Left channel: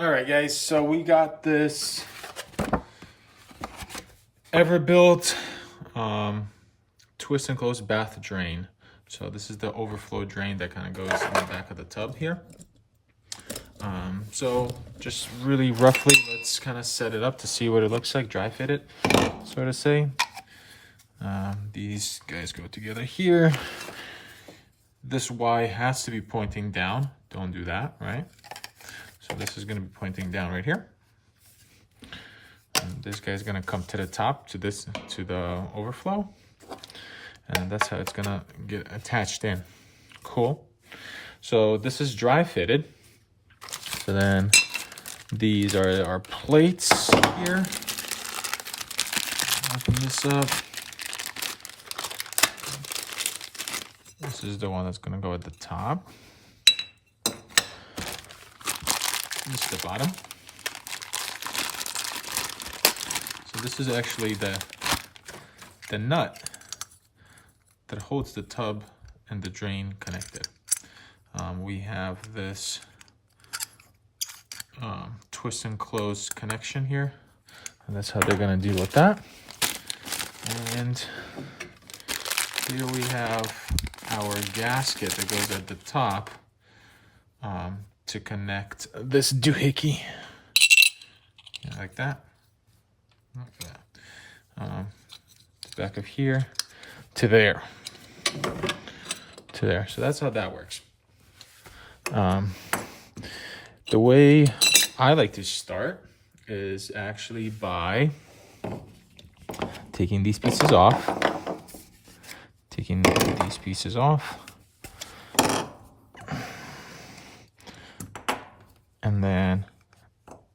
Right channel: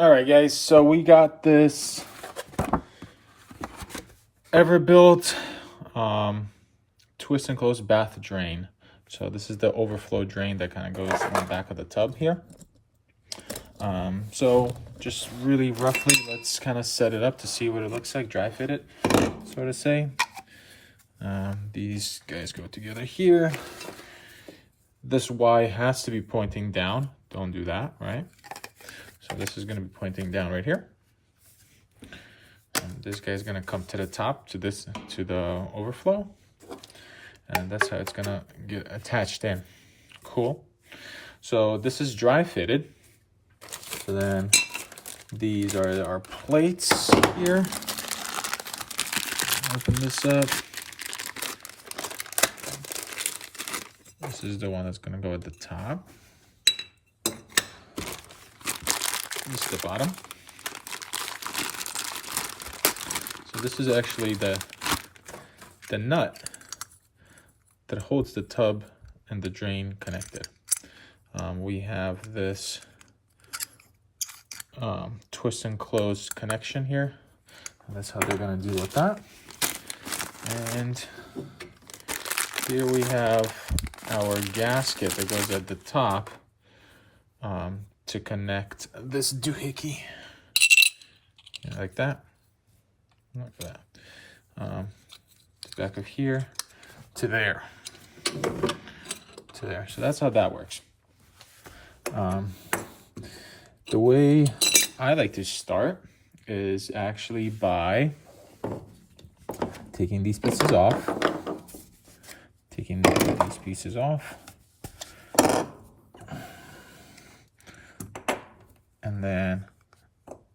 All right, guys, so we got this Everbuilt twist and close bath drain. So this is the overflow drain that kind of goes in the back of the tub here. So just really roughly, let's kind of set it up to see what it looks like, dry fit it, so to say. These guys go together here. This Y has to be pointing down. Don't do that, right? So this is going to be pointing down right here. And this guy's going to come to the top, to the overflow. And that's how it's going to get attached in. Cool. So this is dry fitted. So then these are our plates here. Open this up. This is the one that's going to go at the top. This is the bottom. So this is actually the nut that holds the tub and the drain connected. We have this twist and close connection here, and that's how they're going to deal with that. And here we have our gasket that goes at the top to connect this doohickey, like that. Look at that. The back of here to there. To there. So that's how that works. The way I like to start is actually by taking these pieces off. Taking these pieces off. And then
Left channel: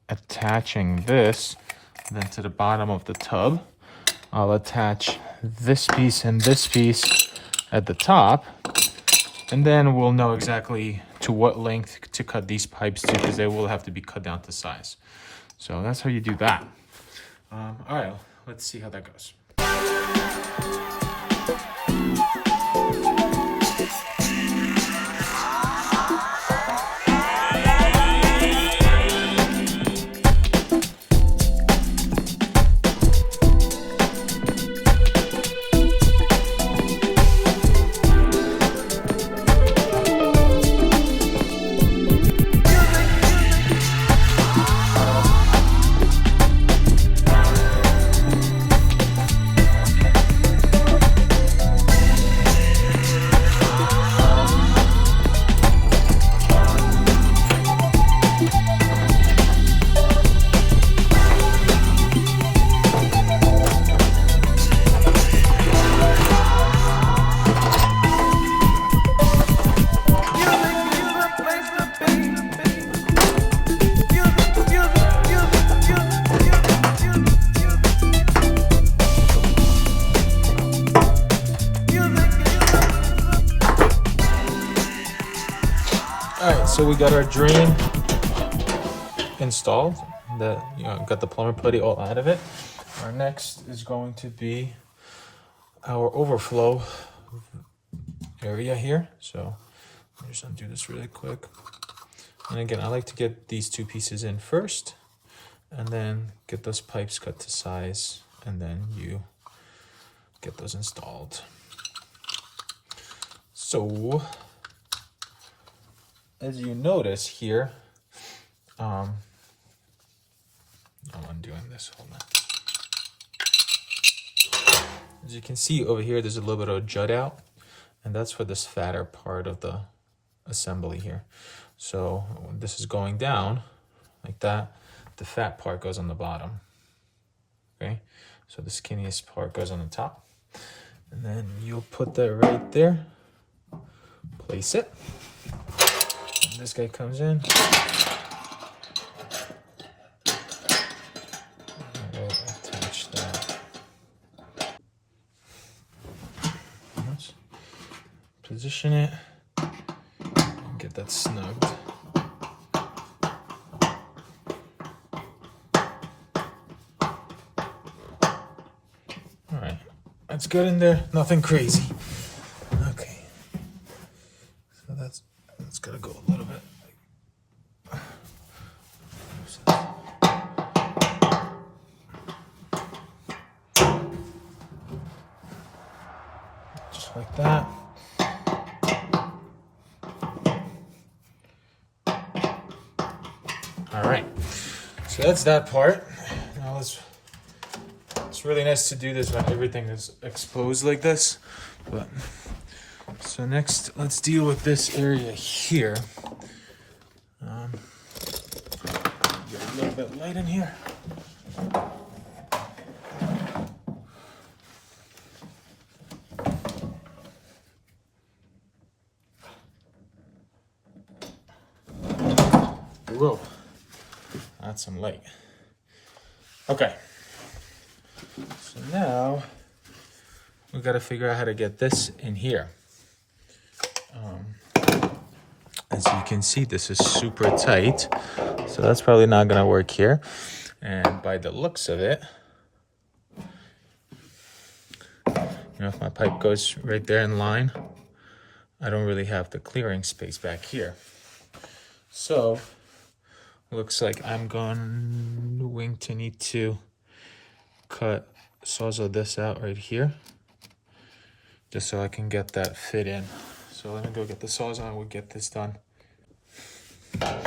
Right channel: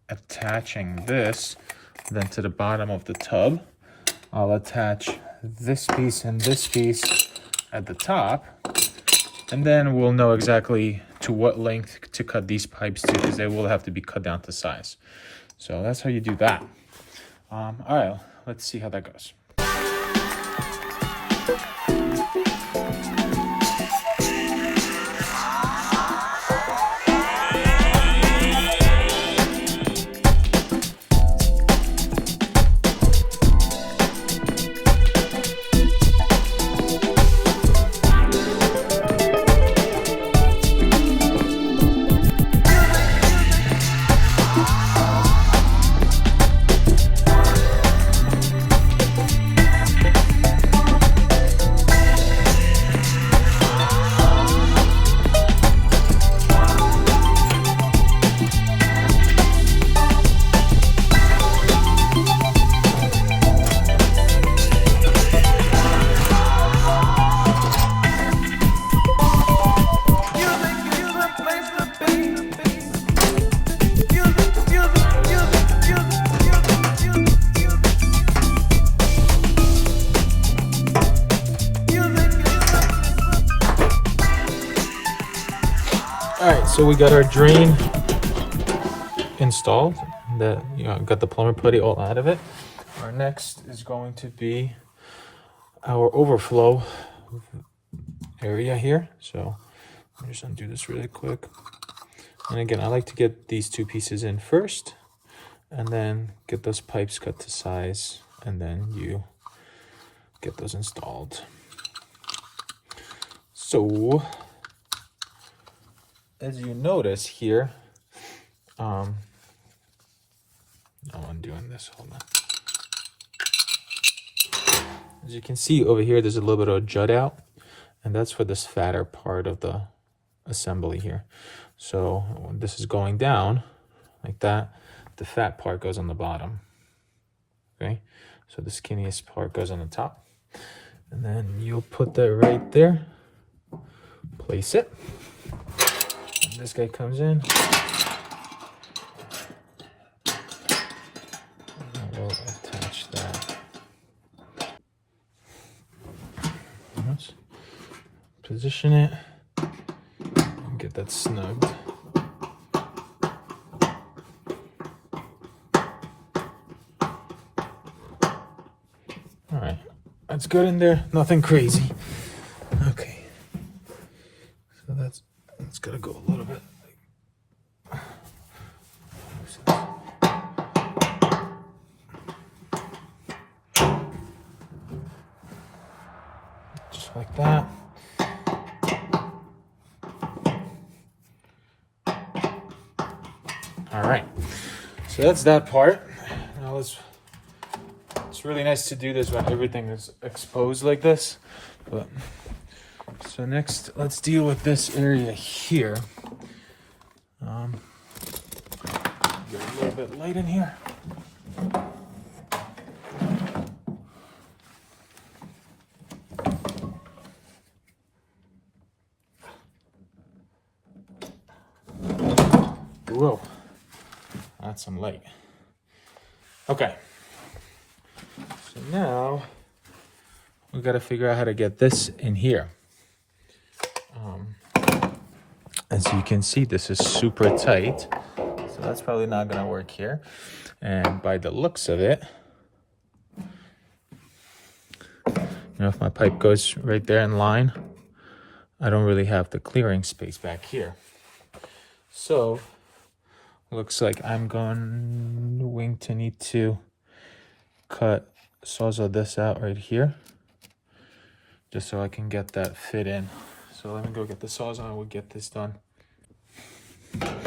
attaching this then to the bottom of the tub. I'll attach this piece and this piece at the top, and then we'll know exactly to what length to cut these pipes to, because they will have to be cut down to size. So that's how you do that. All right, let's see how that goes. So we got our drain installed. Got the plumber putty all out of it. Our next is going to be our overflow area here. So I'm just undo this really quick. And again, I like to get these two pieces in first, and then get those pipes cut to size, and then you get those installed. So as you notice here, I'm undoing this, hold on. As you can see over here, there's a little bit of a jut out, and that's for this fatter part of the assembly here. So when this is going down like that, the fat part goes on the bottom, okay? So the skinniest part goes on the top. And then you'll put that right there, place it. This guy comes in. We'll attach that. Let's position it and get that snugged. All right, that's good in there. Nothing crazy. Okay, so that's gotta go a little bit So that's that part. Now it's really nice to do this when everything is exposed like this. But so next, let's deal with this area here. Get a little bit light in here. Whoa, that's some light. Okay, so now we got to figure out how to get this in here. As you can see, this is super tight, so that's probably not gonna work here. And by the looks of it, if my pipe goes right there in line, I don't really have the clearing space back here. So looks like I'm going to need to sawzall this out right here, just so I can get that fit in. So I'm gonna go get the sawzall and we'll get this done. Alright,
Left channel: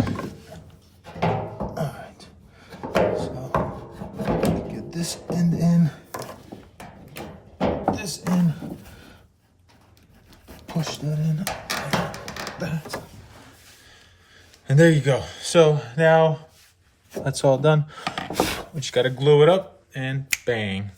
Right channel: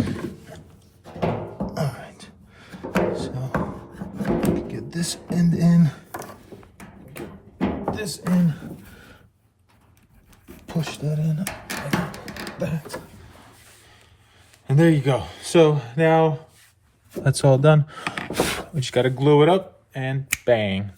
so get this end in, this in, push that in like that. And there you go. So now that's all done. We just gotta glue it up and bang.